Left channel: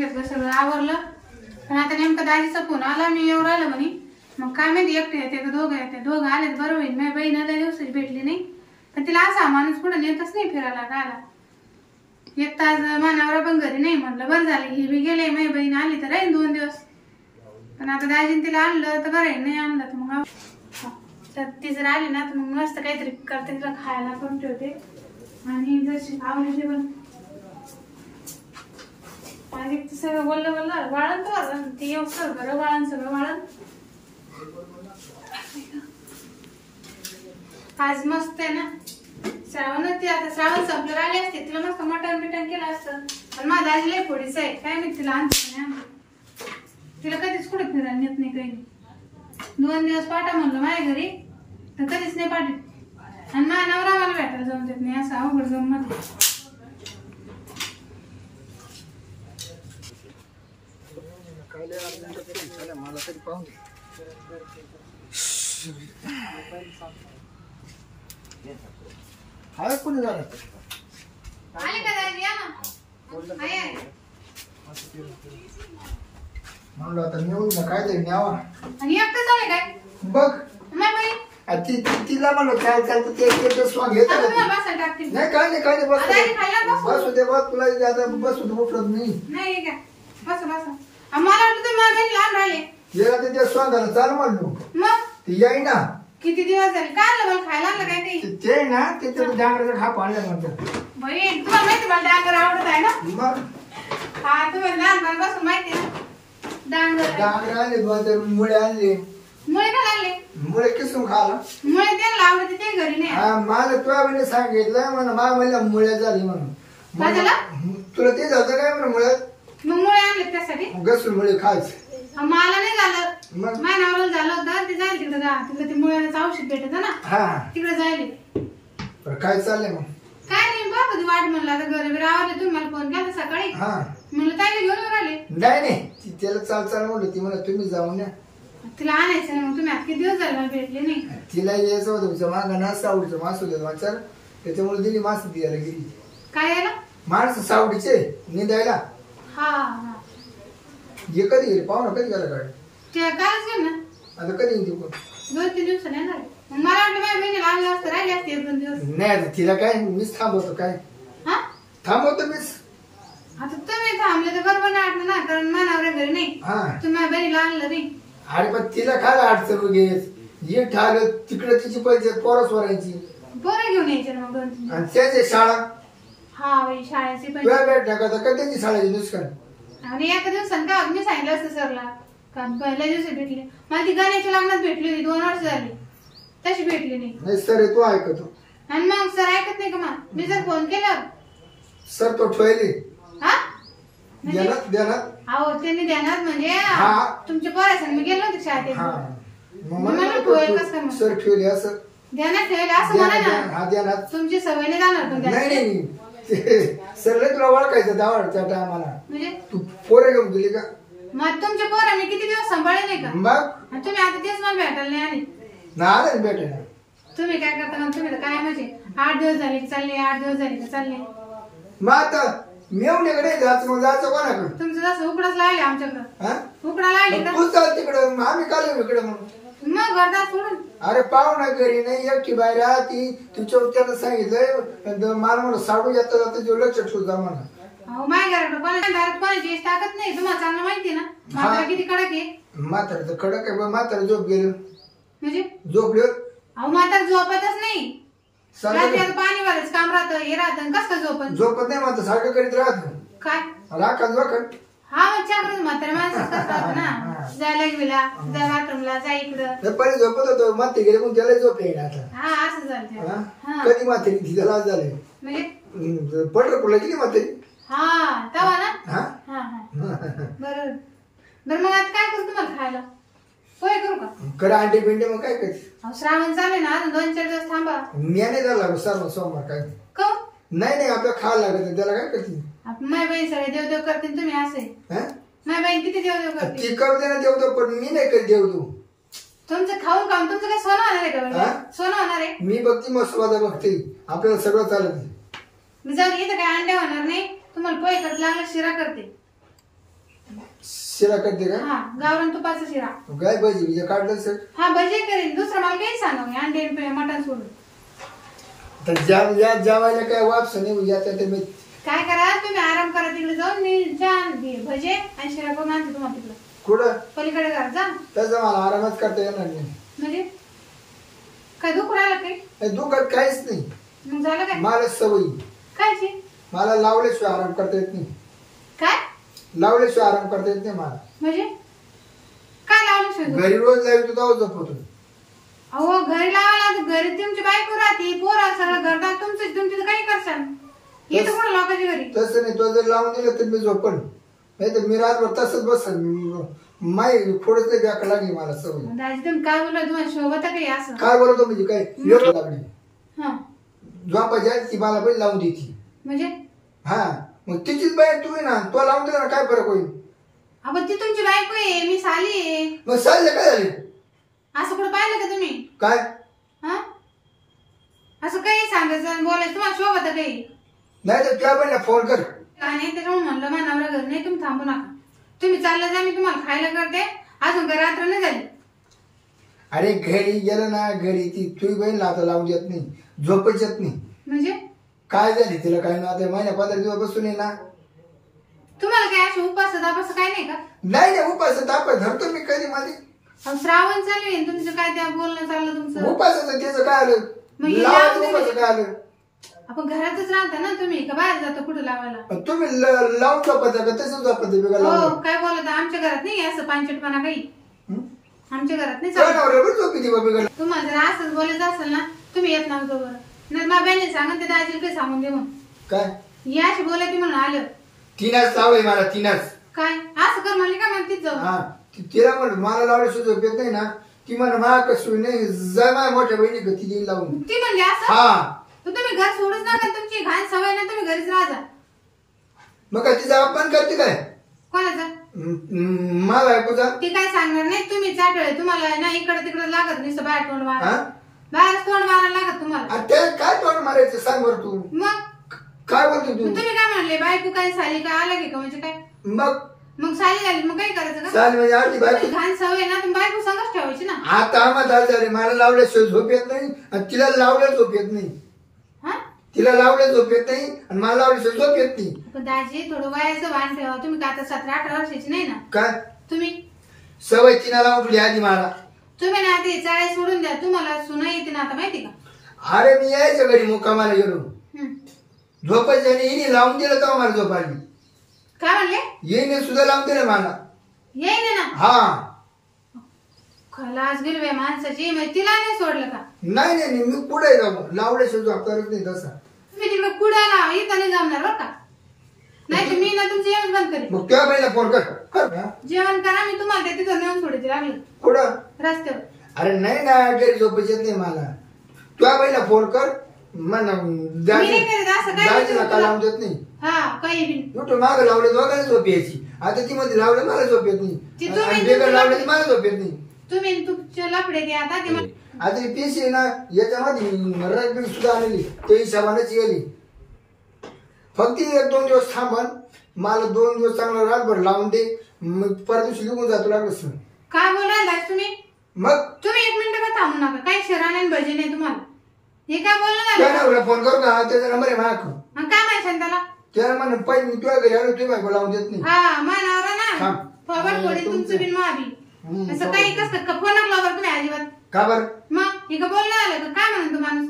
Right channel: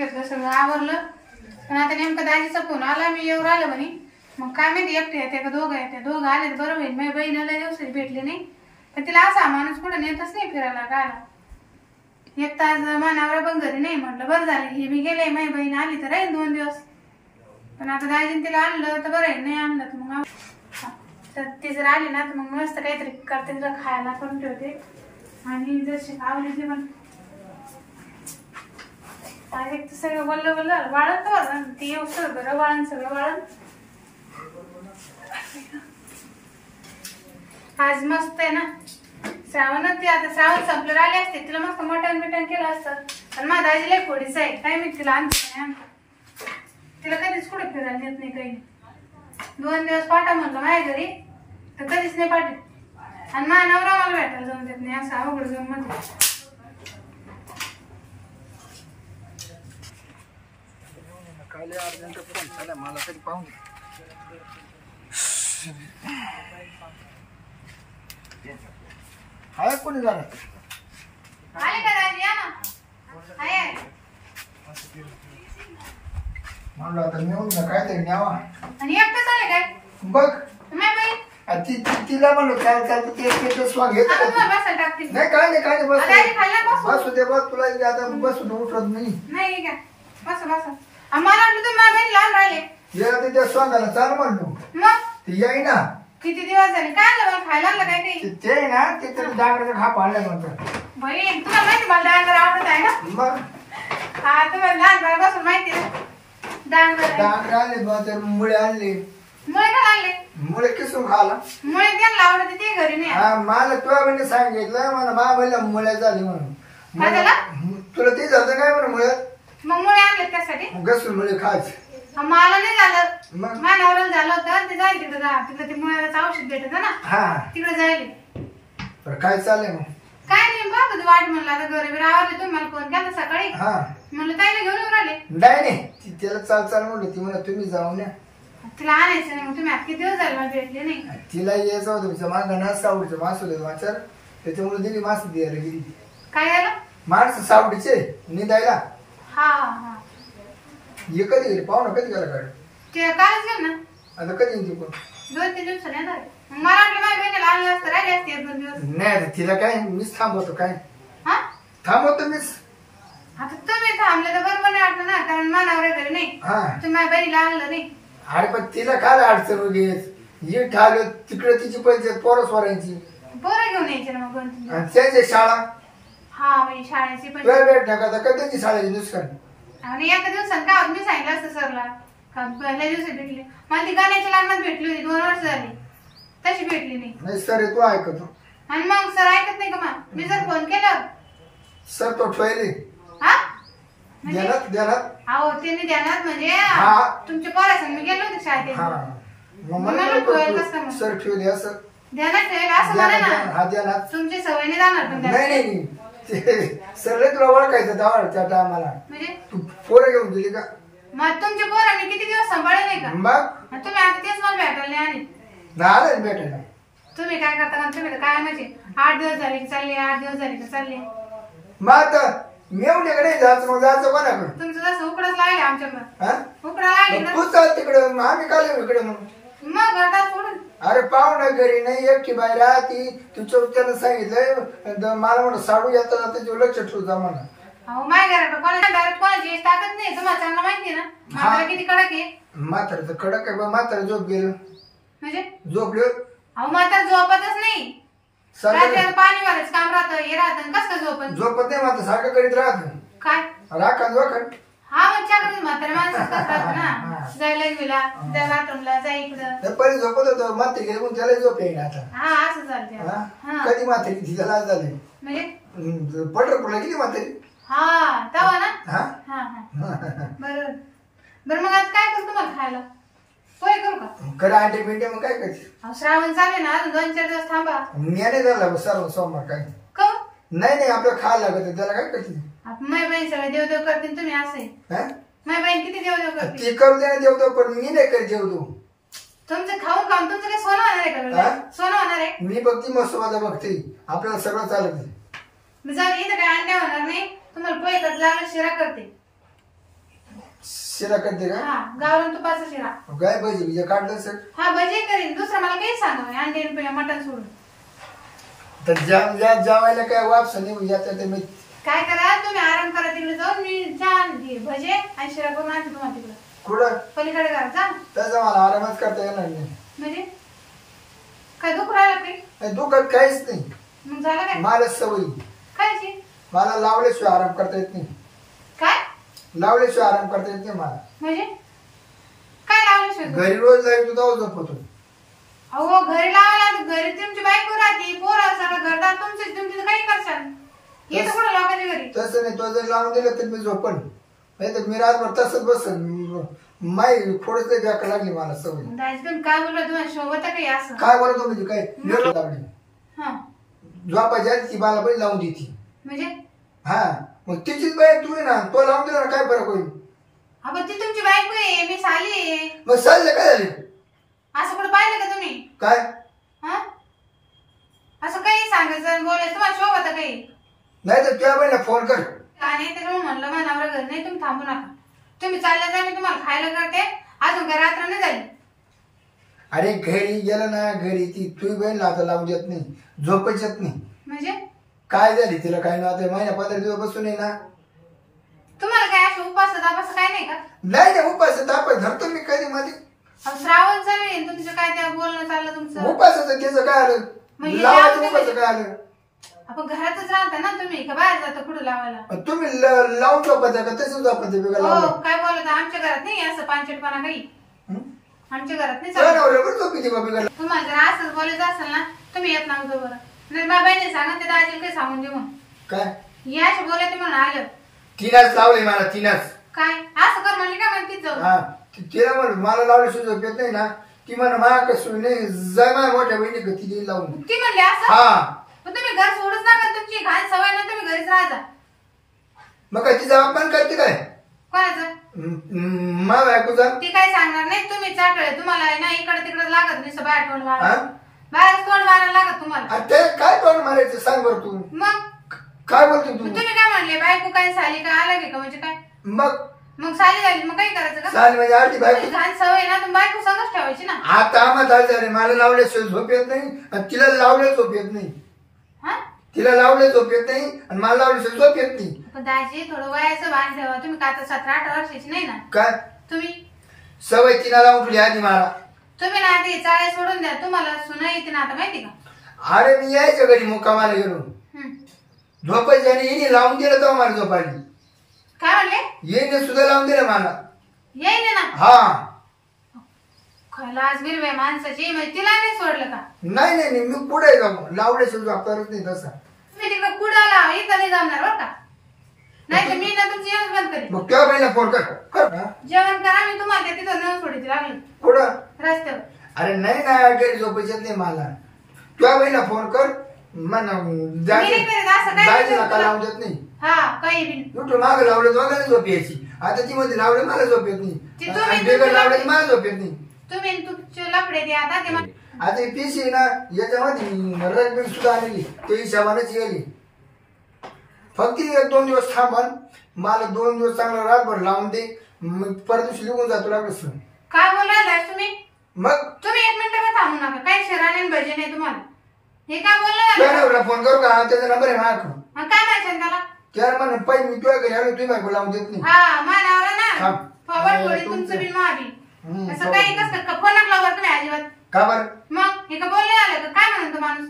घेतलं, सगळं आवरलं. पण आता नेमका दाजीचा फोन आला, मी येऊ राहिलं म्हणे. मग काय माहिती एकटे येते का दोघं येते. दोघं आले तर बरं होईल. माझी बहिणीला दिवसाची भेटली नाही, पण तिला असा माणूस कुठं नेतच नाही फिरायला गायला. एक तास मानावरा पण घरी नाही. म्हटलं बरं झालं ही बी गेले, माझी बहीण आली तर राहील 2 दिवस. पण आता दाजीने तिला आणलं तर बरं आहे, नाही आणलं तर मग ती जर आली ना तर मग मस्त काहीतरी करते, तिला खायला करून ठेवते. आणि जशी आवडीची पण एक तर सगळं बोललं वाळण तर ते येऊ सगळं वाळण, सगळं वाळण. आज मस्त आहे ना श्रावण. ती आता श्रावण संपलं आली असते, तिला मस्त मटण बिटण केलं असतं. पण माझ्या आजीला फोडीच आहे, काय माहिती तिला आणते नाही आणते. तिला कधीच कुठे फिरायला नेत नाही, काही नाही. 2 दिवस पाठा म्हणलं माझ्या घरी तर कधीच नाही पाठवत. आणि माझ्या नवरा मला भेटायला जाऊन देत नाही, असं अवघड गंमत आहे. मला तरी पाहून हाय कोणी झालं आले का दाजी? या ना. आहे म्हणलं आता नेऊन ना काहीतरी न्यावा. आणि एकटं झाले काय बघ नाही बाई. तिला म्हणलं काय चालतं ते स्वांग घेत नाही. काय नाही बसू दे बस. तुला आता बसून उठत नाही का? बस मला वाटतं तुम्ही माझ्या बहिणी लहान राहिले. गेला ते त्या स्वांगाला चाल म्हणलो मग ती येई ना. किती दिवस झाले काय आलं मला खायला लागलं काय काही ते ना ते डांगराचा खाप आणलाय म्हणतात. बाई तुम्हाला माहिती मला डांगर आवडत आहे ना. मग हा तुम्हाला लहानपणापासून माहिती ना डांगर आणले बा. तर मुळे आणले. मुळे पण आणले. मुळे किसून खाला. मुळे त्यांना आवडते ते घरी नाही. हा मला तुला म्हणजे सांगितलं म्हणा मा म्हणला मुळ्या झाली म्हणून. तुला ते झालं काय म्हणा मुळ्यात. मग मुळे आणले त्यासाठी घसून मुळे खायचे. मला नाही झालं. माझ्या नवऱ्याला झालं होतं ते जाईल तिकडे ते मुळ्याचं औषध भेटत ना. हा तिकडे जाईल. काय चाललंय मग? काय नाही बाबा वाट म्हणलं आता घरी रावले. तुम्ही मला फोन केला सकाळी. हा म्हणलं ताईला घेऊन येऊन राहिले. नाही त्याला चाल म्हणलं. ती म्हणा तुम्ही जाऊन द्या तिला आणायचं मग. तुम्ही आज किती दिवस झाले मला भेटले नाही. तिला यायचं होतं तुमच्या मागा ना सावडीचं मासू दे वाचार. त्याच्यामुळे दिली मास द्यायला गेली. काय यायला माणसं सावडीचे निंदायला. हा हा ये कधी येईल पाहू ना. कधी गेला गाडी ते कालच गेल ना. आता कधी येईल ती पण 2-3 दिवसांनी येणार. मला वाटलं माझ्या बहिणीला आणलं असतं राहिले असते 1-2 दिवस. नाही तिला काय मीच थांबवतो. काय थांबवतो मीच. आता तुम्ही थांबले तर बरोबर नाही वाटलं ना. कारण मानावर घरी नाही. तुम्ही माझ्या बहिणीला आणलं नाही. अरे पण तिला काय अडचण वगैरे ही ठाल तिकडे तिची पैसे पोरं स्वरांची पोरं घेऊन यायचे ना मग 2-3 दिवस. आणि त्याची शाळा. हा बाई शाळेची पण भेट टाका कधी शाळेची नुसकान. आणि एका दिवसानं का मी सांगितलं असतं सरला का पहिल्या दिवशी भेटली. मला ती गाण्याच्या लग्नात भेटली होती 2 वर्ष झाली. तशी भेटली नाही. सर तू ऐकतो. आणि मग सर ऐकत नाही का मग. मी जर फोन केला सर तो ठेवले हा देणार. अहो त्यांनी ध्यानात म्हणजे तुमच्या पोरासंग मी गेलो होते शाळेत. सर ठेवले असं ध्यानात ठेवलं असं म्हणा ना. हा ध्यानात तुमची सवय नाही जाणार. नाही सर तुला ओळखायचं दावड त्या टायमाला. म्हणजे तू पोरं घेऊन दिली का. मग तुमचे पोरं मी किती दिवस सांभाळले नाही का. मग तुम्ही आता तेच मला भेटायला नाही आले. नाही भेटेल. तुम्ही काय करता तुम्ही काय म्हणजे 8 दिवस झाले की चालले 8 दिवस झाले की चालले. मग आता मेवण्याकडे जायचं मग जायचं कोणाकडे. तुमचं जसं उकडाच लागले आमच्याकडं. उकडा लागले तू चाल तिकडे. आम्ही काय इकडे मग घरात सोडून. अरे पाहुणा घरी नाही एकटी बाहेर राहती. तुमच्या त्यानं सांगितलं मला म्हणून साडू येता जाता जो लक्ष ठेवू जा म्हणा. अहो माझ्या घरात कोणाची ताकद नाही. तुम्हाला चांगलं माहिती ना म्हातारा किती कडक आहे. म्हातारा तर कडक आहे. म्हातारा झोप गेलं म्हणजे झोपले. अहो म्हातारा झोपतच नाही. पाणी वालायचं काम राहतं हे राहतं. कस का झोपत नाही. मात्र सारखं करीत राहत काय राखा जोखड. हा मग चाकरी म्हातारा माणसं राहत ना. जायला गेला जा बाथरूमला जा इकडं. पहिले झोपत होतो. माते गेले पण त्याला झोप येईल आता. हा असं झालं. कधी म्हातारी तिच्या लाज झाले म्हणजे पंढरपूरला गेली म्हातारी. हा तवा ना. हा बरोबर. बरं मग आता काय करू तुम्हाला खायला. पोहे करू का. खरं अंडे बिंडे मग काय करते. श्रावण चालू ना अजून 2-4 दिवस थांबा. मी नाही झाला सर्व सोमवार काय नाही आपलं खायला लागत. त्याला काय करते. माझी बहीण सगळे देवदेव करते तुम्ही असे. माझी बहीण किती देवदेव करते. ती करू दे ना देवदेव पण मी नाही करत देवदेव. तुमचं खाऊन काम तुमचं काय सोनं होणार आहे का. सोनं होणार आहे. मी बघती मसोबादा बघते. आपल्याला सगळं चालत. मी जाऊ इथं काय अंडे होणार नाही. तुम्हाला पोहे करत लागलं शिरा करते. शिरा करते का? हा गावरान तुपाचा शिरा. काय भजी बिजे काढलं सर? हा भजी करीन, दुसरं मला काही सांगा अंडी मटण सोडून. तर जेवायला काय वापस नाही याचा ते मी काय करा तुम्ही आराम करा, तिकडे जाऊन मी भजे आणि शिरा करून आणते तुम्हाला तिकडे. कुठं? पलीकडे करा जा. तसं मला आरामच करता येणार नाही. म्हणजे काय दुख राहिला काही? दुखत काहीच नाही. मग झालं काय? मला सवय कायची? मला लावल्याशिवाय आराम करता येत नाही. काय लावल्याशिवाय आराम करता येत नाही मला. म्हणजे काय लावल्याशिवाय? घरी रोज लावतो तेव्हा झोपतो. अहो घरी लावायला, घरी तुमची बायको राहते, पोरं सगळं घरदार तुमचं, तुम्ही तिथं काही करशाल? येतं कोणा लोकांच्या घरी? तसं नाही, तो जर लावून दिलं तर मी झोपण, नाही तर मी रातभर तसंच बसन. माय थोडंच व्याक लागली मला सवय. दाजी तुम्ही काय बोलला, तुम्हाला शोभत काही असं? काय बोलतो म्हणजे काय लागली हा झोपायच्या ती मला पण लावून देती. म्हणजे हा मग तिचीच बाई तू ना, तो लावून दिला ना काय फरक होईल? आपण ती तुमची बायको आहे, मी साली आहे. मग साले काय झाले? असं कुठं पाहिलं का तुम्ही? काय हा असं काही सांगायचं बोलायचं तुम्हाला शोभत काही? नाही तर त्या बहिणीला फोन कर. आणि त्याच्यामुळे म्हणलं मनावर घर नाही, तुम्ही थांबू नका, तुम्ही चालले जा, मी तुम्हाला खायला करते. अजून का रात्र नाही झाली? अरे घरी गेलं ना, घरी ती तुझी बहीण आता लावून देत नाही, झोपच येत नाही. म्हणजे काय झाली तिला? काय नव्हते महिन्या 15 दिवस बसून आहे ना. तुम्हाला काय असं उपास दापास काय नाही का? नाही नाही उपास ताप धरतो मी कधी मध्ये. श्रावण चालू आहे, तुमचं काय त्या बोलणं चाललं तुमचं? उपासाचं त्याचं काय आलं? म्हणजे लावायचं उपासाचं काय आलं? आपण घरातच राहता ना तुम्ही, का बाहेर जातो कुठं लावायला? तुम्ही लावून झोपत का तसंच झोपत? हो काय बोलत, आमच्या घरात नाही असं पांचटपणा काही, आमच्या घरात नाही. तुम्हाला जर असंच बोलायचं असेल ना, तुम्ही येत नव्हतं बरं. नाही माझ्या बहिणी सांगा ते दाजीला काही सांगून दे मग. काय याशी बोलायचं म्हणून आलं. तिनाच लावले मला, तिनाच. काय असं कर म्हणले का? मग तीच जाऊ. हा तिला म्हण मला लावल्याशिवाय झोप येत नाही ना. ती म्हण मला कसं नाही जाय माझ्या मोठ्या बहिणी ती लावून. ती म्हणली असं? हा तुम्ही घर सोडूच नका, तुमची घाण सवय ना, तुम्ही घरीच राहा. मग काय तिचा अपमान करते काय? कोणाचं? मा बायकोचा. ती काय सांगणार नाही, तुम्ही चाटळे, तुम्हाला ना इकडे तिकडे लागत नाही, बाहेर तोंड मारा, बाहेर तोंड मारायला लागत तुम्हाला. ते काय तोंड मारायचं सांग बरं तू. मग काय बोलते तू? तुम्ही काय म्हणले बायको काय साली काय आलं का? म्हणजे काय मग साली झाली मग काय करायचं का? साली म्हणजे आधी बायको घाण सवय ना, तुम्ही बायको संगच ठेवायची ना. आता आम्हाला झाले, मला लावल्याशिवाय झोप येत नाही आणि तिला लावल्या झोप येत नाही. तिला लावलं झोप येत नाही आणि मला लावल्याशिवाय झोप येत नाही. पण दाजी थोडं वयाचं भान ठेवा. तुम्ही काय आता 17-18 वर्षाची नाही ना? काय तुम्ही सवय तिला लावून ठेवली आधी मला. तुम्ही ना आधी चाळे सोडून द्या, तुम्हाला सुना येते ना आता माहिती का? अरे मी यायचं घरी मुक्कामाला गेलो, झोपायची आणि हिने लावून दिलं तेव्हा मला झोप आली. काय म्हणले? येईने सुद्धा लावून दिलं मला. येईन ना? हा खलास गिरव्या माणसाची, म्हणजे तिला नाही सोडलं का? नाही नाही नाही, मी पुढे जाऊ लावल्याशिवाय झोप करत नाही. तसा तुम्ही तिकडे कुडाला इथं नाही जमणार बरं का? नाही तर मी ना तुमची येऊन बंद करेन. मग तुझ्या बहिणीला फोन कर. जेवण करा, मी तुम्हाला तिथं नेऊन सोडायची लागली. कुठं? रस्त्यावर. अरे नाही ना घरी झोपायच नाही मला. तुझ्या बहिणीला फोन कर म्हण लावून देत नाही. हा काही बी कुठं मागं लावलं दोघांना झोप यायची. आता ती मध्ये लावलं मला झोप येत नाही, बेगर लावलं मला झोप येत नाही. तुम्ही तुमचे लफडे ते आता ते आता पीसी ना याच्यामध्ये रंग सुद्धा आणली, ते हिशोबानेच गेली. फक्त 1-2 दिवस थांबन, मला 2 दिवस चांगला रातभर लावून दे, मग परत दिवशी निघून जातो लागलं. काय बोलायला तुम्ही? मग तुम्ही 1 मिनिट का थांबू नका, काही शिराने भजी नाही तुम्हाला. हे काय बोलणार? फोन करू का? त्याचा नंबर आहे माझ्याकडून. काय म्हणाल त्याला? त्याला म्हण पाहिजे मी तुझ्या घरी आलो, तुम्ही बायको लावून देत नाही. हा मानावर ना फॉरवर्ड थोडी तुमचं बिन महाबी असं काही कसं फोन लावला तुम्ही अजिबात का बरं? मग हे का बोलणे आलं का? काय म्हणतो माणूस?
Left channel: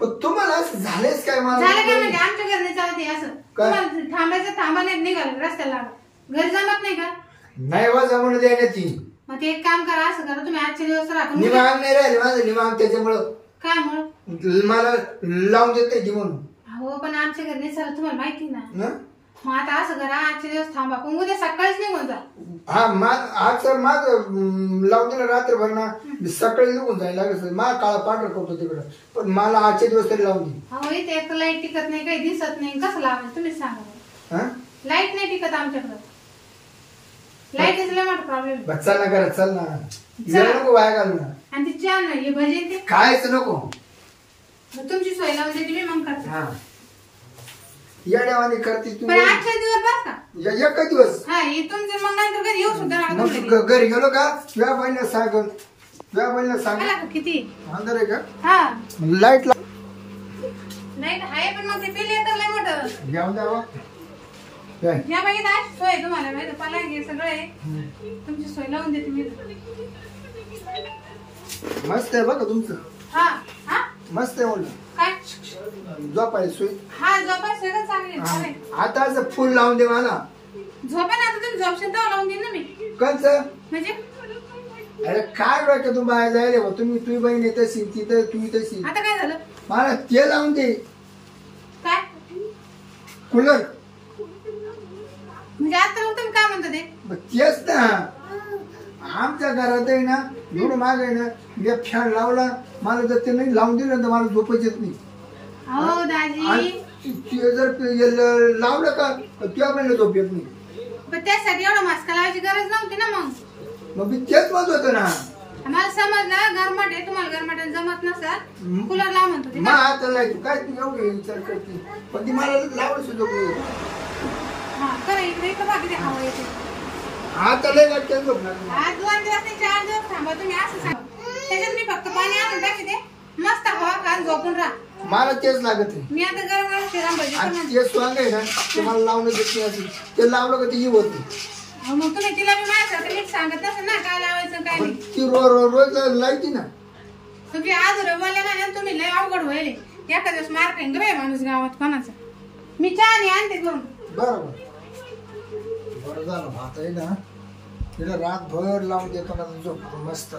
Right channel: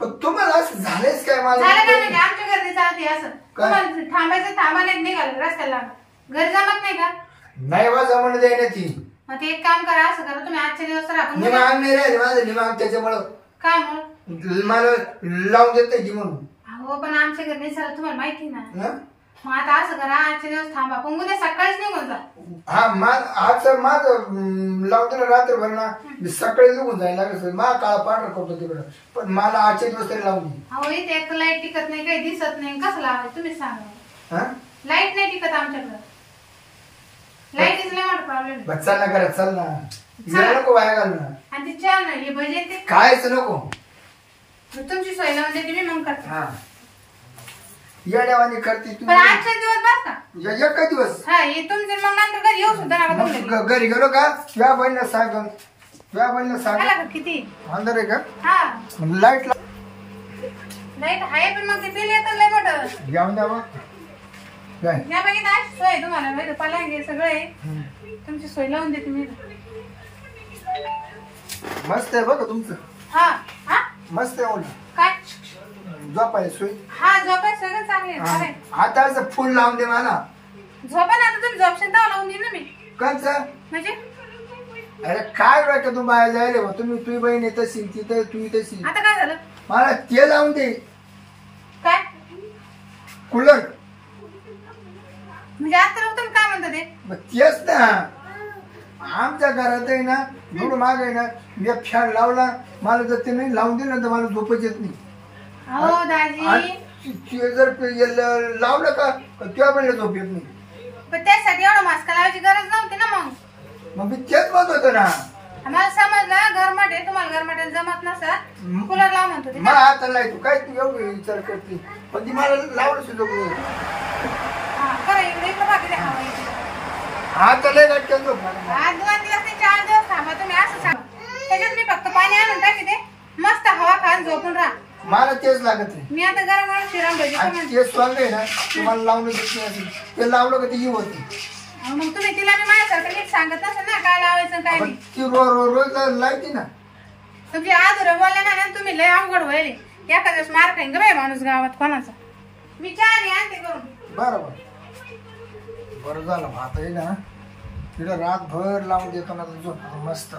पण तुम्हाला असं झालेच काय? मला झालं काय म्हणजे आमच्या घरने चालते असं? तुम्हाला थांबायचं थांबा नाही निघालं रस्त्याला घर जमत नाही का? नाही वा जमणं द्यायला ती. मग ते एक काम करा, असं करा तुम्ही आजच्या दिवस राहा. निमाग नाही राहिले माझं, निमाग त्याच्यामुळं. काय म्हणून? मला लावून देत नाही ती म्हणून. हो पण आमच्या घरने चालत तुम्हाला माहिती ना. मग आता असं करा, आजच्या दिवस थांबा, पण उद्या सकाळीच निघून जा. हा आज माझं लावून दिलं रात्रभर ना, सकाळी निघून जायला लागलं. मा काळा पांढरा करतो तिकडं, पण मला आजच्या दिवस तरी लावून दे. हो इथे एक लाईट टिकत नाही, काही दिसत नाही, कसं लावायचं तुम्ही सांगा. लाईट नाही टिकत आमच्याकडं, लाईटीचा मोठा प्रॉब्लेम. चल ना करा, चल ना, नको वाया घाल ना. आणि ती चहा नाही भजी ते कायच नको. तुमची सोय लावून देते मी, मग करते. येड्यावानी करते तू पण आजचे दिवस बस का एका दिवस हा हे तुमचं मग नंतर कधी येऊ सुद्धा नका तुमच्या मग घरी गेलो का तुझ्या बहिणीला सांग तुझ्या बहिणीला सांग आला का किती अंधार आहे का हा लाईट नाही आहे पण मग ते बिल येतं लय मोठं जाऊन द्या काय या बघित आज सोय तुम्हाला माहिती पलंग सगळं आहे तुमची सोय लावून देते मी मस्त आहे बघा तुमचं हा हा मस्त आहे बोल काय झोपाय सोय हा झोपाय सगळं चांगले आहे आता असं फुल लावून दे मला झोपा ना आता तुम्ही झोपशाल तेव्हा लावून देईन ना मी कंच म्हणजे अरे काय वाटत तू बाहेर जायला बा तुम्ही तुझी बहीण तशी तिथं तू तशी आता काय झालं मला ते लावून दे काय कूलर म्हणजे आता तुम्ही काय म्हणता ते तेच ना आमच्या घरात आहे ना एवढं माग आहे ना मी फॅन लावला मला जर ते नाही लावून दिलं तर मला झोपच येत नाही हो दाजी आणि ते जर लावलं का तेव्हा पण झोप येत नाही पण त्यासाठी एवढं मास्क लावायची गरज नव्हती ना मग मी तेच म्हणत होतो ना आम्हाला समजलं गरमट आहे तुम्हाला गरमट जमत नसत कूलर लाव म्हणतो ते मला आता नाही तू काय तू एवढी विचार करते पण ती मला लावलं सुद्धा नाही हा खरं इकडे बघा किती हवा येते आता लय लटकन झोप लागला आज 2 दिवस नाही 4 दिवस थांबा तुम्ही असं सांग त्याच्यात मी फक्त पाणी आणून टाकते मस्त हवा खान झोपून राहा मला तेच लागत आहे मी आता गरम गरम शिरण भजी आणि करून ते स्वांग आहे ना ते मला लावणं देत नाही असेल ते लावलं का ती येऊ होती मग तुम्ही तिला मी माझ्यासारखं नीट सांगत नसेल ना काय लावायचं काय पण नाही ती रोज लायती ना तुमची आधुरं बोलल्या ना तुम्ही लय अवघड व्हायले एका दिवस मार खाईन ग माणूस गावात कोणाचा मी चहा आणते करून बरोबर बरं झालं आता आहे ना तिला रातभर लावून देतो ना झोपतो मस्त